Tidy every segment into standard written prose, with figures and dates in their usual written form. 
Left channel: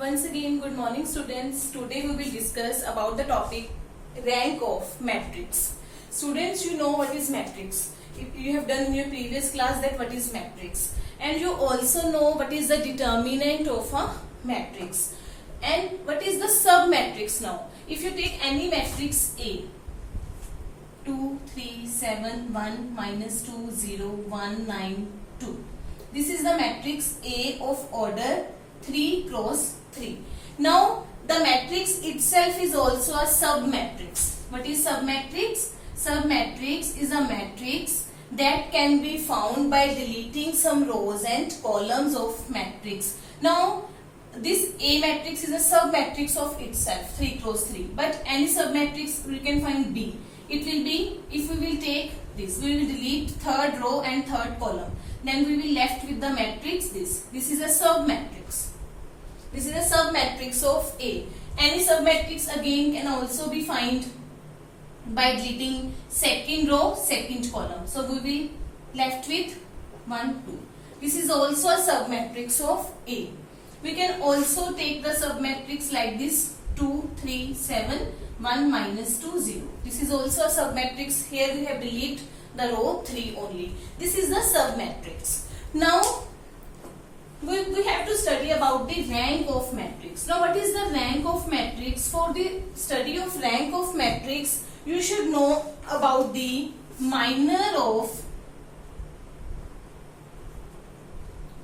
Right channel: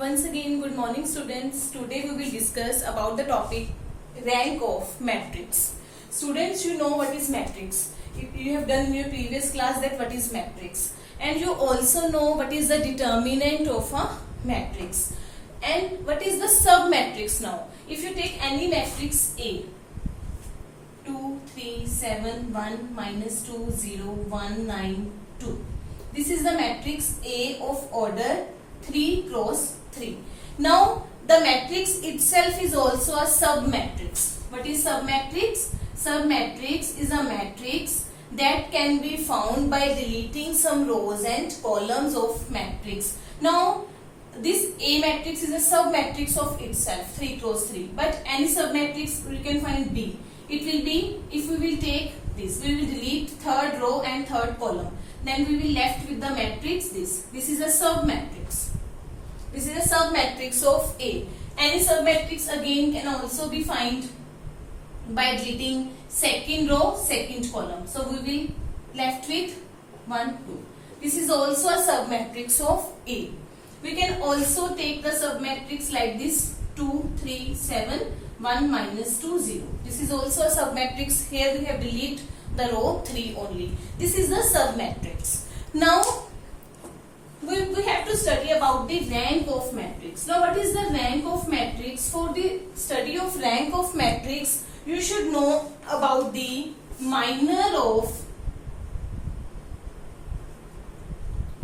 Once again, good morning students. Today we will discuss about the topic rank of matrix. Students, you know what is matrix. You have done in your previous class that what is matrix. And you also know what is the determinant of a matrix. And what is the submatrix now. If you take any matrix A, 2, 3, 7, 1, minus 2, 0, 1, 9, 2. This is the matrix A of order 3 cross 3. Now the matrix itself is also a submatrix. What is submatrix? Submatrix is a matrix that can be found by deleting some rows and columns of matrix. Now this A matrix is a submatrix of itself, 3 cross 3. But any submatrix we can find B. It will be, if we will take this, we will delete third row and third column. Then we will left with the matrix this. This is a submatrix. This is a submatrix of A. Any submatrix again can also be found by deleting second row, second column. So we will left with 1, 2. This is also a submatrix of A. We can also take the submatrix like this, 2, 3, 7, 1, minus 2, 0. This is also a submatrix. Here we have deleted the row 3 only. This is the submatrix. Now we have to study about the rank of matrix. Now what is the rank of matrix? For the study of rank of matrix, you should know about the minor of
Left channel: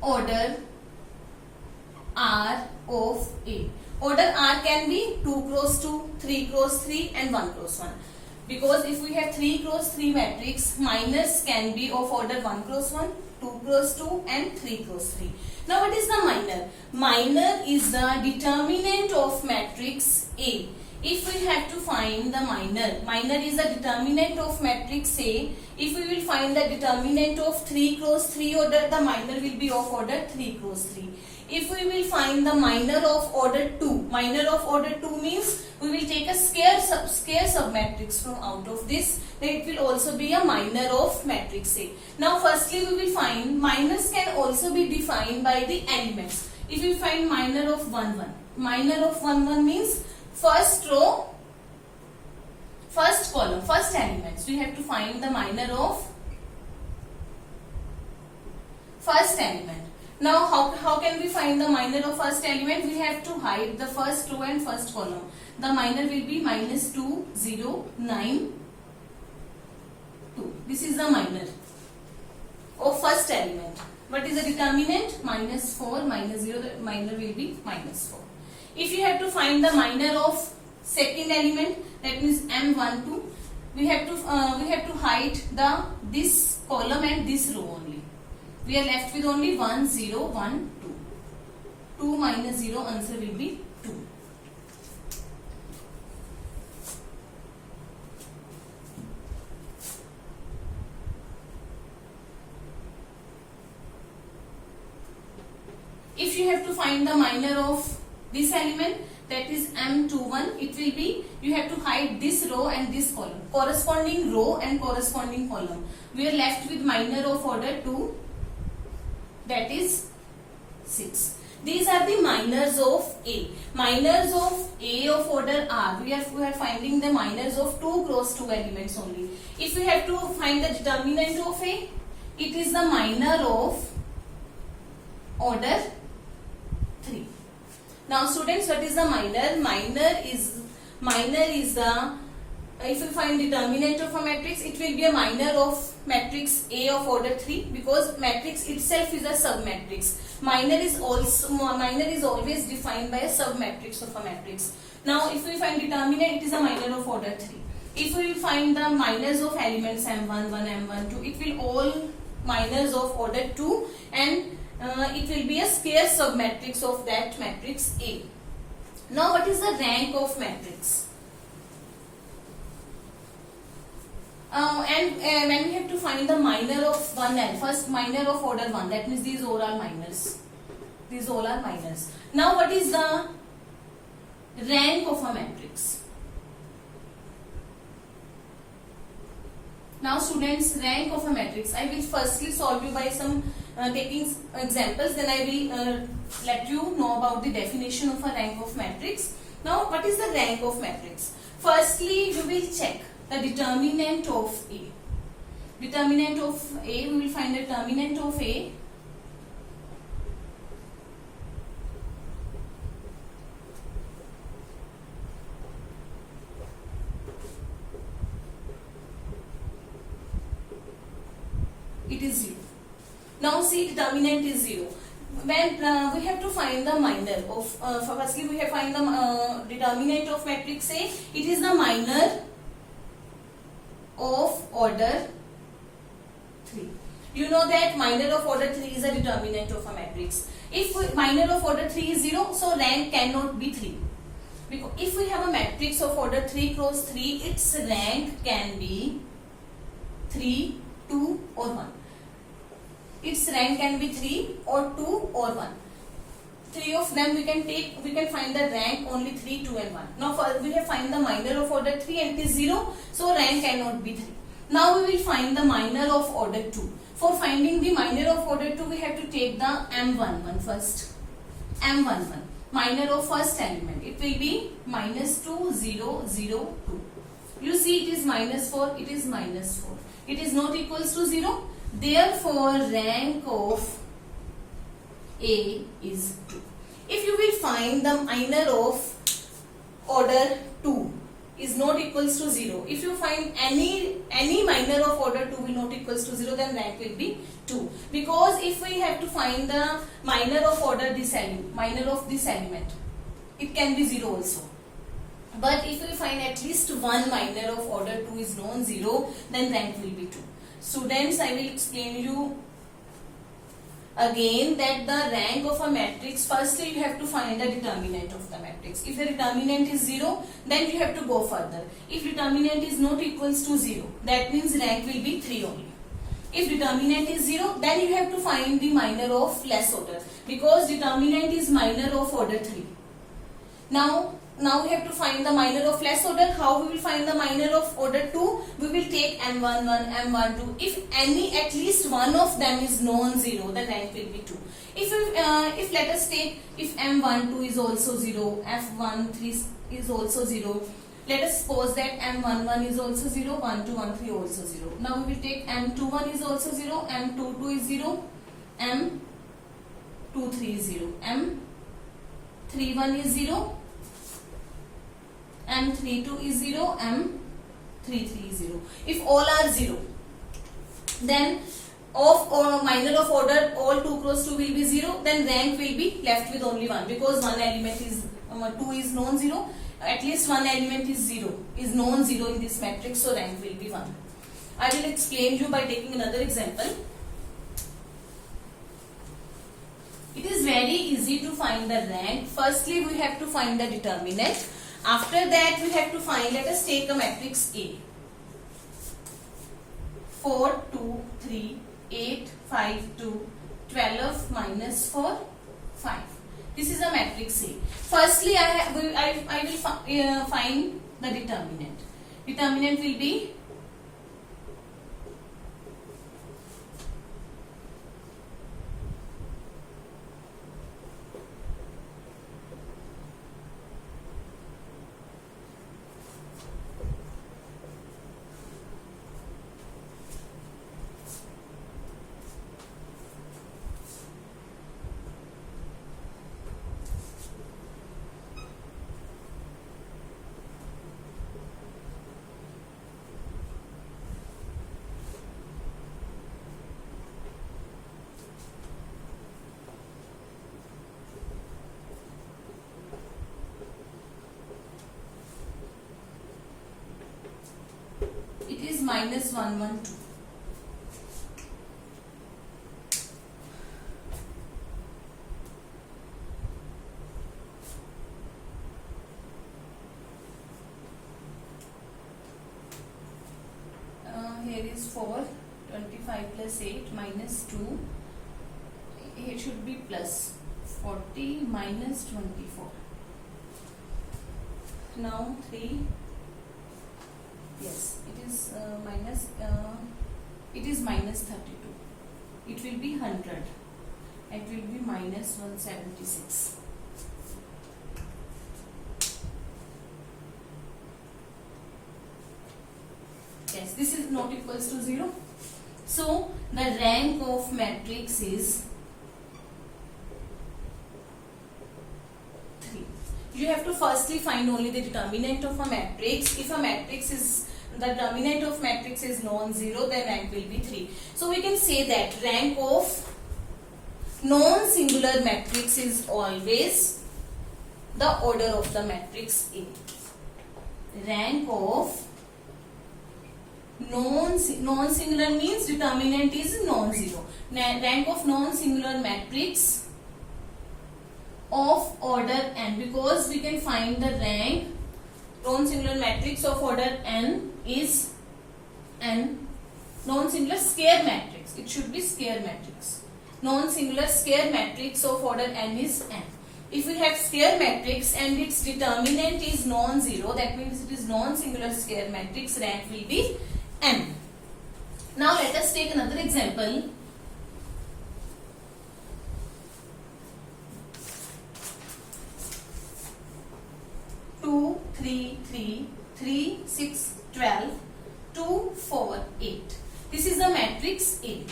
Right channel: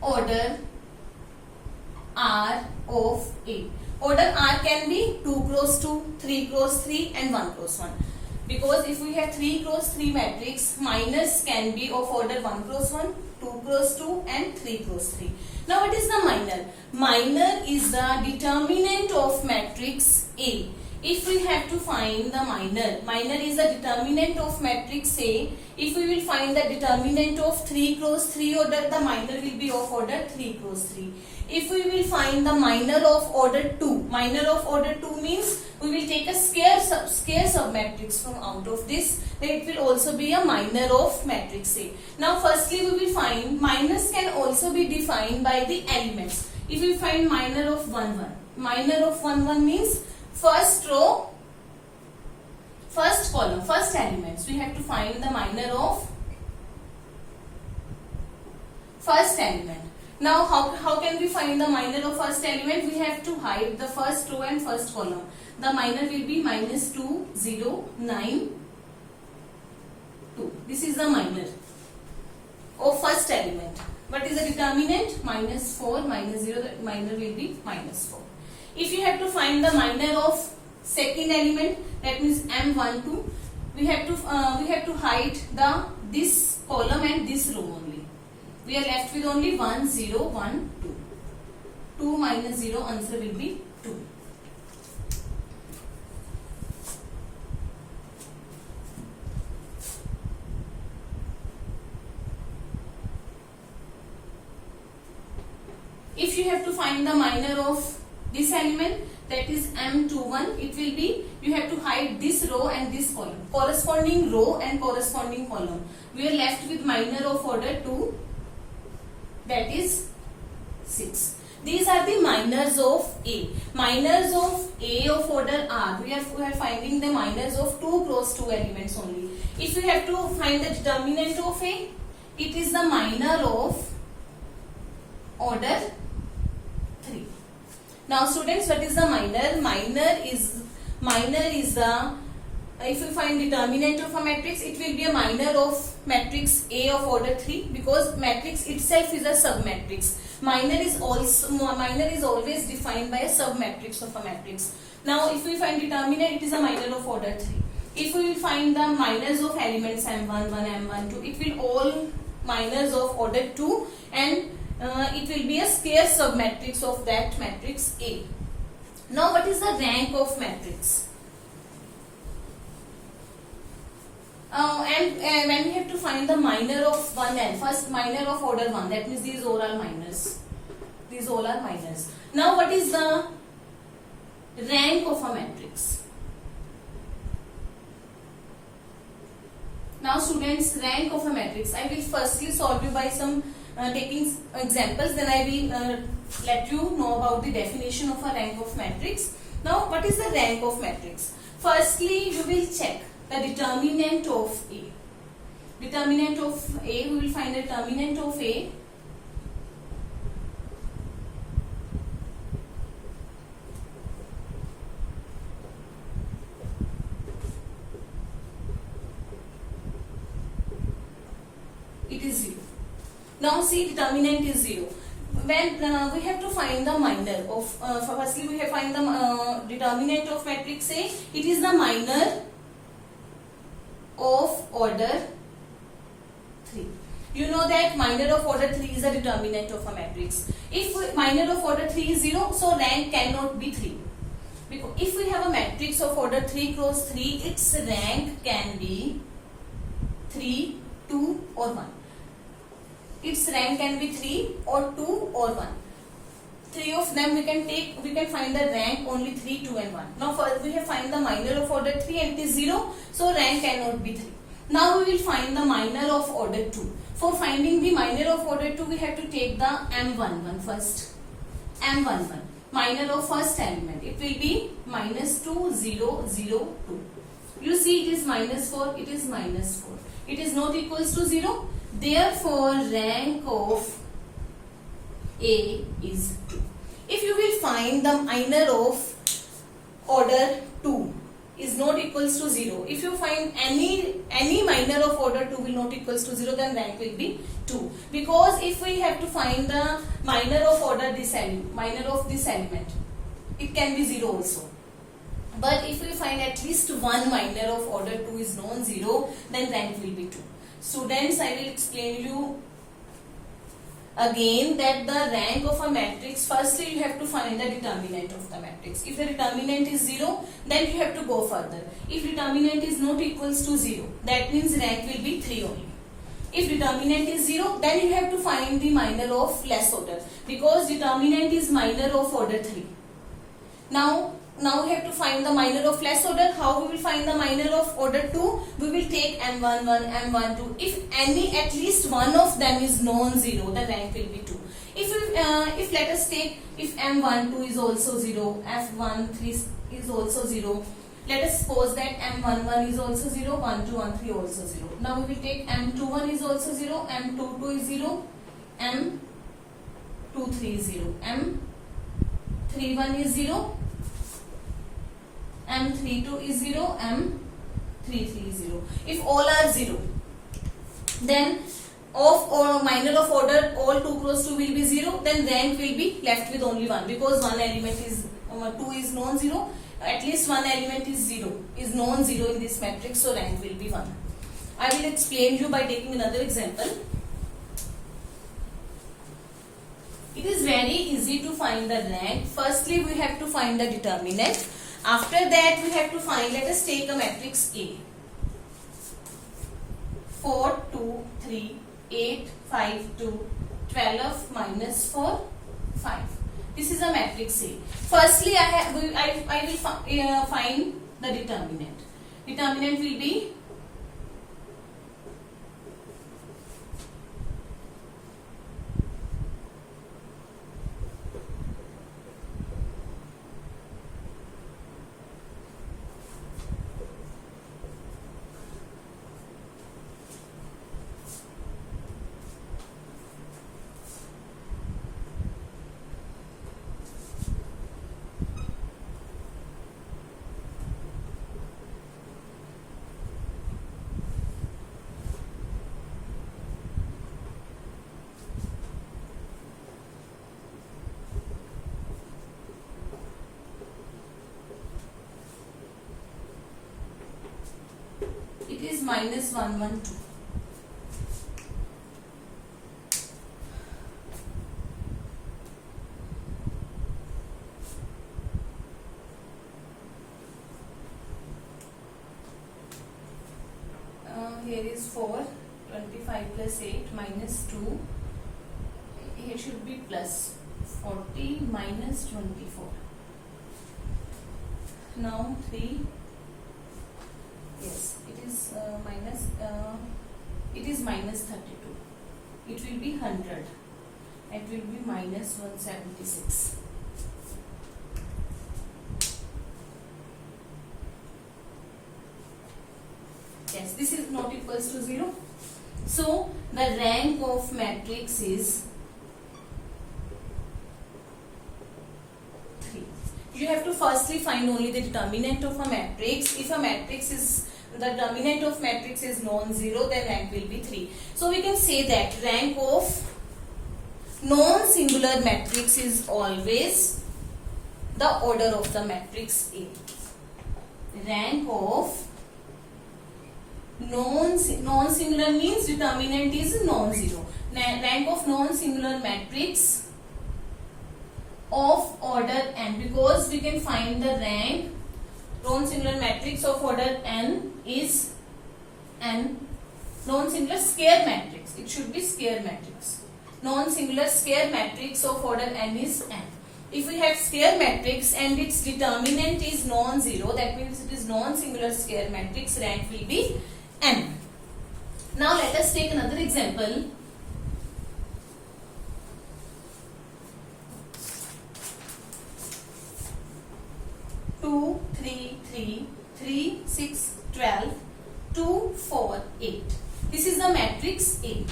order R of A. Order R can be 2 cross 2, 3 cross 3 and 1 cross 1. Because if we have 3 cross 3 matrix, minors can be of order 1 cross 1, 2 cross 2 and 3 cross 3. Now what is the minor? Minor is the determinant of matrix A. If we have to find the minor is the determinant of matrix A. If we will find the determinant of 3 cross 3 order, the minor will be of order 3 cross 3. If we will find the minor of order 2, minor of order 2 means we will take a square submatrix from out of this, then it will also be a minor of matrix A. Now firstly we will find minors can also be defined by the elements. If we find minor of 1, 1, minor of 1, 1 means first row, first column, first elements. We have to find the minor of first element. Now how can we find the minor of first element? We have to hide the first row and first column. The minor will be minus 2, 0, 9, 2. This is the minor of first element. What is the determinant? Minus 4, minus 0, the minor will be minus 4. If you have to find the minor of second element, that means M12, we have to hide this column and this row only. We are left with only 1, 0, 1, 2. 2 minus 0, answer will be 2. If you have to find the minor of this element, that is M21, it will be, you have to hide this row and this column. Corresponding row and corresponding column. We are left with minor of order 2. That is 6. These are the minors of A. Minors of A of order R. We are finding the minors of 2 cross 2 elements only. If we have to find the determinant of A, it is the minor of order 3. Now students, what is the minor? Minor is the, if we find determinant of a matrix, it will be a minor of matrix A of order 3 because matrix itself is a submatrix. Minor is always defined by a submatrix of a matrix. Now if we find determinant, it is a minor of order 3. If we will find the minors of elements M1, 1, M1, 2, it will all minors of order 2 and it will be a square submatrix of that matrix A. Now what is the rank of matrix? And when we have to find the minor of 1n, first minor of order 1, that means these all are minors. These all are minors. Now what is the rank of a matrix? Now students, rank of a matrix. I will firstly solve you by some taking examples, then I will let you know about the definition of a rank of matrix. Now, what is the rank of matrix? Firstly, we will check the determinant of A. Determinant of A, we will find the determinant of A. It is 0. Now see, determinant is 0. When we have to find the minor of, firstly we have to find the determinant of matrix A. It is the minor of order 3. You know that minor of order 3 is the determinant of a matrix. If minor of order 3 is 0, so rank cannot be 3. Because if we have a matrix of order 3 cross 3, its rank can be 3, 2 or 1. Its rank can be 3 or 2 or 1. Three of them we can find the rank only 3, 2 and 1. Now first we have find the minor of order 3 and it is 0, so rank cannot be 3. Now we will find the minor of order 2. For finding the minor of order 2, we have to take the M11 first. M11, minor of first element. It will be minus 2, 0, 0, 2. You see it is minus 4, it is minus 4. It is not equals to 0. Therefore, rank of A is 2. If you will find the minor of order 2 is not equals to 0. If you find any minor of order 2 will not equals to 0, then rank will be 2. Because if we have to find the minor of order minor of this element, it can be 0 also. But if we find at least one minor of order 2 is non-zero, then rank will be 2. Students, I will explain you again that the rank of a matrix, firstly you have to find the determinant of the matrix. If the determinant is 0, then you have to go further. If determinant is not equals to 0, that means rank will be 3 only. If determinant is 0, then you have to find the minor of less order, because determinant is minor of order 3. Now we have to find the minor of less order. How we will find the minor of order 2? We will take M11, M12. If at least one of them is non-zero, the rank will be 2. If let us take, if M12 is also 0, F13 is also 0. Let us suppose that M11 is also 0, 1213 also 0. Now we will take M21 is also 0, M22 is 0, M23 is 0, M31 is 0, M32 is 0, M33 is 0. If all are 0, then of or minor of order all 2 cross 2 will be 0, then rank will be left with only 1, because one element is 2 is non-zero. At least one element is 0, is non-zero in this matrix, so rank will be 1. I will explain you by taking another example. It is very easy to find the rank. Firstly, we have to find the determinant. After that, we have to find, let us take a matrix A. 4, 2, 3, 8, 5, 2, 12, minus 4, 5. This is a matrix A. Firstly, I will find the determinant. Determinant will be minus 1, 1, 2. Here is 4, 25 plus 8 minus 2. Here should be plus 40 minus 24. Now 3. Yes, it is minus 32. It will be 100. It will be minus 176. Yes, this is not equals to 0. So the rank of matrix is 3. You have to firstly find only the determinant of a matrix. If a matrix is the determinant of matrix is non-zero, then rank will be 3. So we can say that rank of non-singular matrix is always the order of the matrix A. Rank of non-singular means determinant is non-zero. Rank of non-singular matrix of order n, because we can find the rank non-singular matrix of order n is n. Non-singular square matrix, it should be square matrix. Non-singular square matrix of order n is n. If we have square matrix and its determinant is non-zero, that means it is non-singular square matrix, rank will be n. Now let us take another example. Two, 3, 3, 3, 6, 12, 2, 4, 8. This is the matrix A.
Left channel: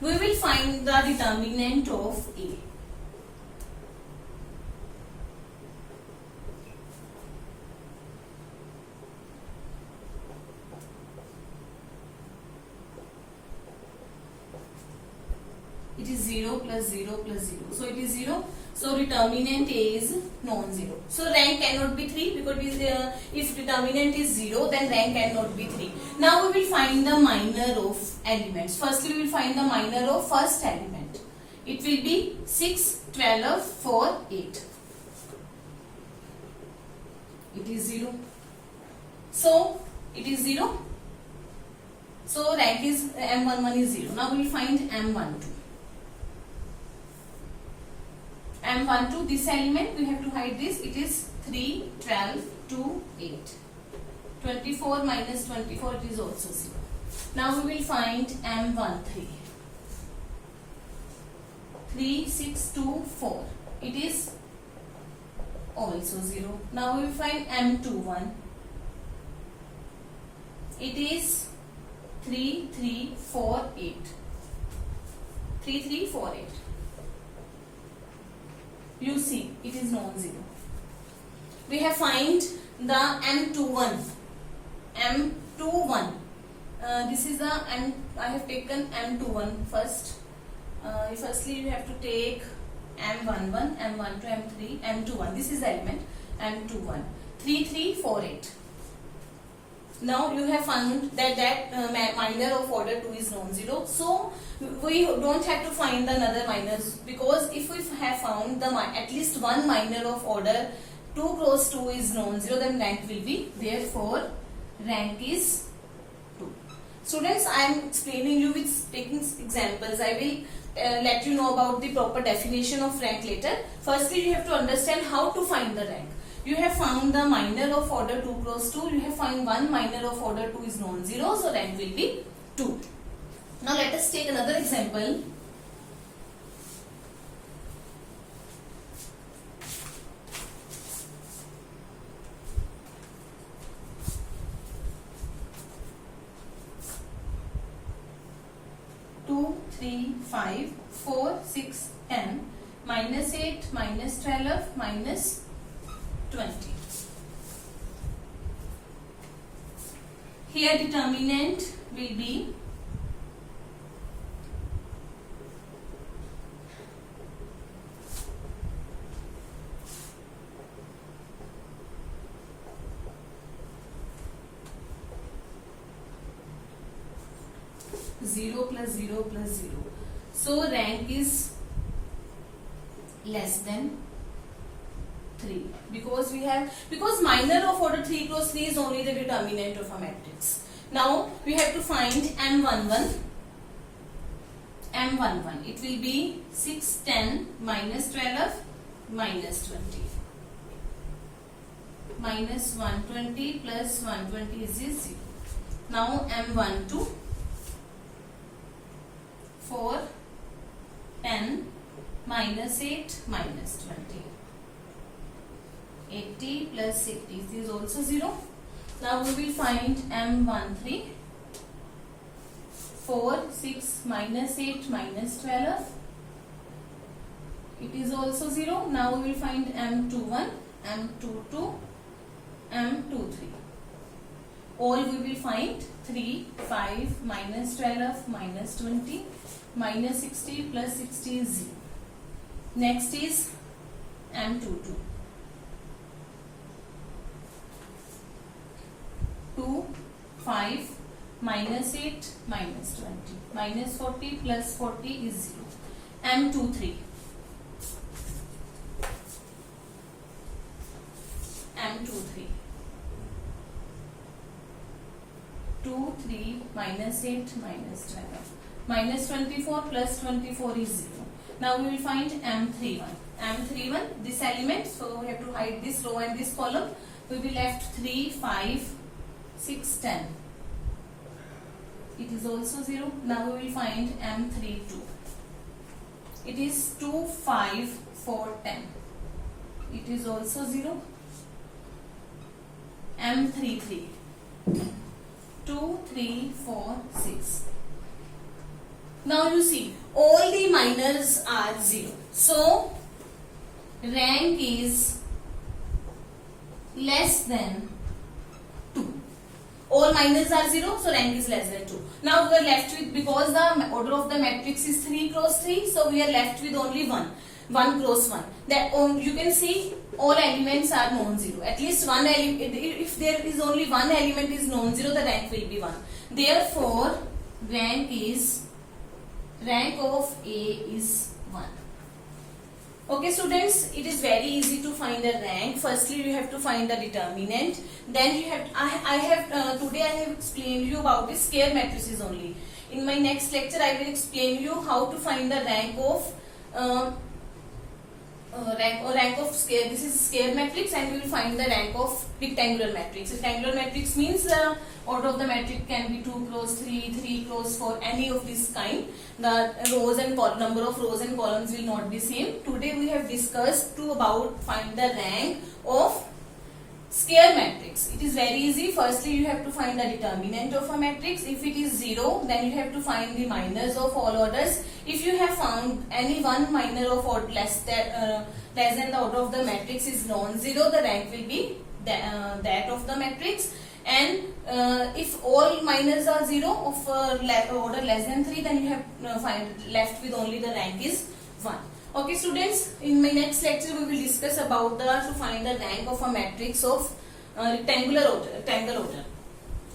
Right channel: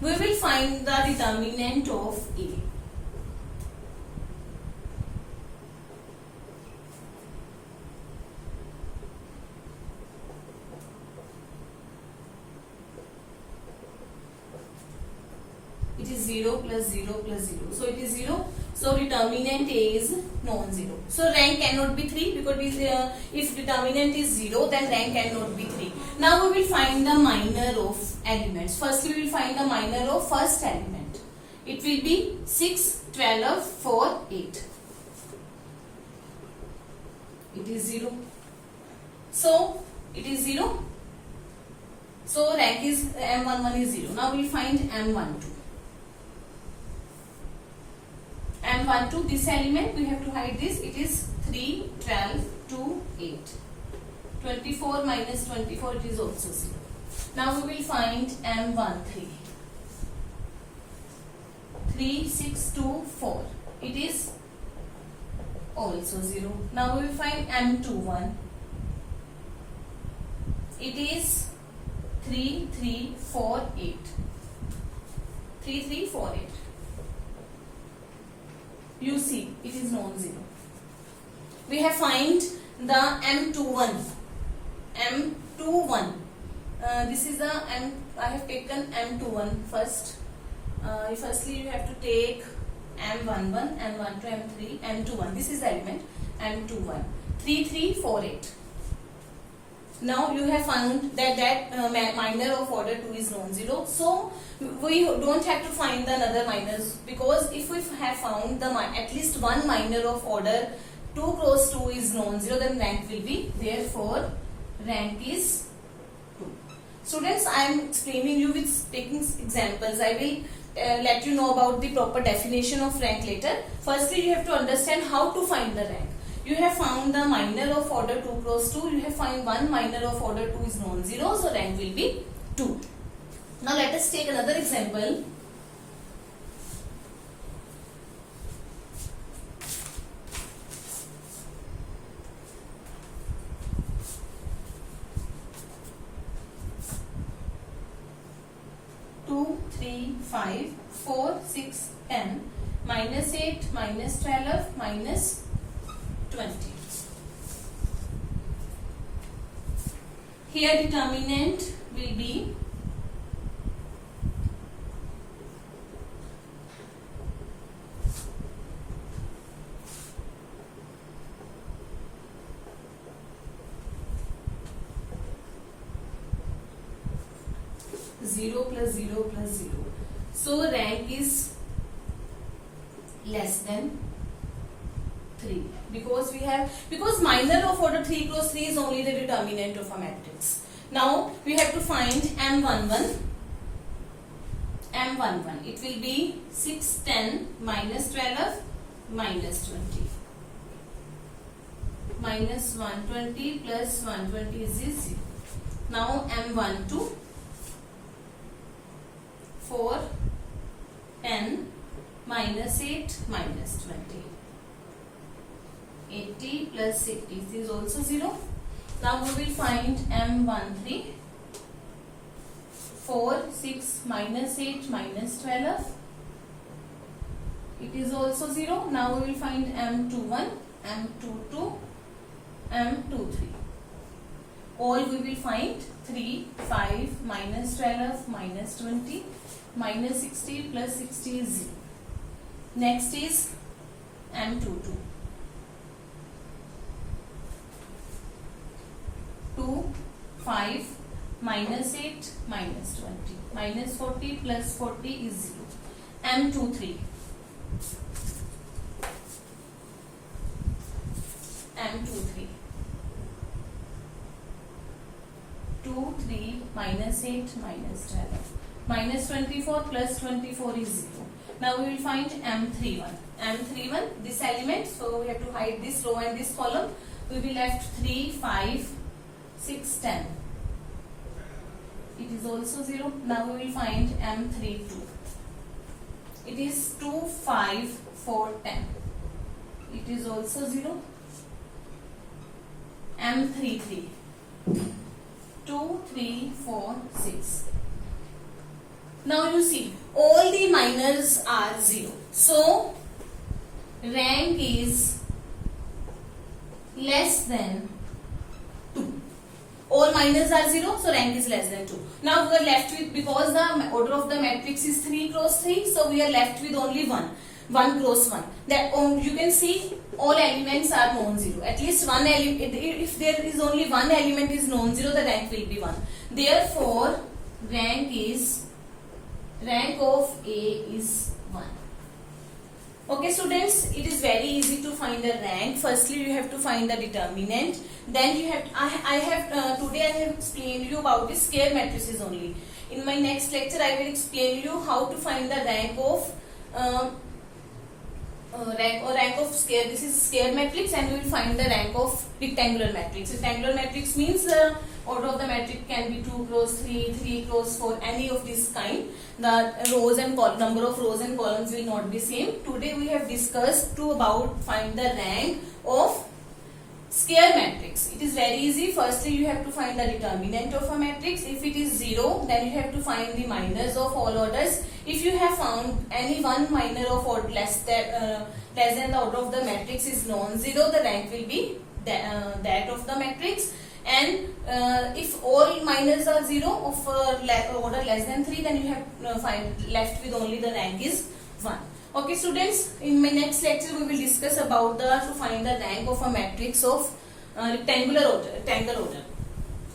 We will find the determinant of A. It is 0 plus 0 plus 0. So it is 0. So determinant A is non-zero. So rank cannot be 3 because if determinant is 0, then rank cannot be 3. Now we will find the minor of elements. Firstly, we will find the minor of first element. It will be 6, 12, 4, 8. It is 0. So it is 0. So rank is M11 is 0. Now we will find M12. M12, this element, we have to hide this. It is 3, 12, 2, 8. 24 minus 24, it is also 0. Now we will find M13. 3, 6, 2, 4. It is also 0. Now we will find M21. It is 3, 3, 4, 8. 3, 3, 4, 8. You see, it is non-zero. We have find the M21. M21. This is the M. I have taken M21 first. Firstly, you have to take M11, M12, M3, M21. This is the element M21. 3, 3, 4, 8. Now you have found that minor of order 2 is non-zero. So we don't have to find the another minors, because if we have found the at least one minor of order 2 cross 2 is non-zero, then rank will be, therefore rank is 2. Students, I am explaining you with taking examples. I will let you know about the proper definition of rank later. Firstly, you have to understand how to find the rank. You have found the minor of order 2 cross 2. You have found one minor of order 2 is non-zero. So rank will be 2. Now let us take another example. Two, 3, 5, 4, 6, 10, minus 8, minus 12, minus 20. Here determinant will be zero plus 0 plus 0. So rank is less than 3 because minor of order 3 cross 3 is only the determinant of a matrix. Now we have to find M11. M11, it will be 6, 10, minus 12, minus 20. Minus 120 plus 120 is 0. Now M12, 4, 10, -8 -20. 80 plus 60 is also 0. Now we will find M13. 4, 6 minus 8 minus 12. It is also 0. Now we will find M21, M22, M23. All we will find 3, 5 minus 12 minus 20 minus 60 plus 60 is 0. Next is M22. 2, 5 minus 8 minus 20 minus 40 plus 40 is 0. M23. M23. 2, 3 minus 8 minus 12 minus 24 plus 24 is 0. Now we will find M31. M31, this element, so we have to hide this row and this column. We will be left 3, 5, 6, 10. It is also 0. Now we will find M32. It is 2, 5, 4, 10. It is also 0. M33. 2, 3, 4, 6. Now you see, all the minors are 0. So, rank is less than 2. All minors are 0, so rank is less than 2. Now we are left with, because the order of the matrix is 3 cross 3, so we are left with only 1. 1 cross 1. That you can see all elements are non-zero. At least one element, if there is only one element is non-zero, the rank will be 1. Therefore, rank of A is 1. Okay students, it is very easy to find the rank. Firstly, you have to find the determinant. Then you have, today I have explained you about the square matrices only. In my next lecture, I will explain you how to find the rank of rank of square. This is square matrix, and we will find the rank of rectangular matrix. Rectangular matrix means order of the matrix can be 2 cross 3, 3 cross 4, any of this kind. The rows and number of rows and columns will not be same. Today we have discussed about find the rank of square matrix. It is very easy. Firstly, you have to find the determinant of a matrix. If it is 0, then you have to find the minors of all orders. If you have found any one minor of order less than the order of the matrix is non-zero, the rank will be that of the matrix. And if all minors are 0 of order less than 3, then you have left with only the rank is 1. Okay students, in my next lecture we will discuss about to find the rank of a matrix of rectangular order.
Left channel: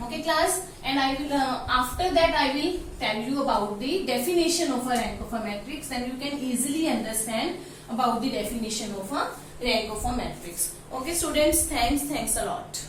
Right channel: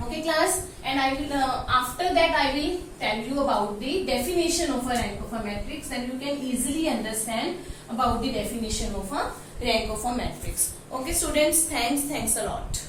Okay class, and I will after that I will tell you about the definition of a rank of a matrix, and you can easily understand about the definition of a rank of a matrix. Okay students, thanks a lot.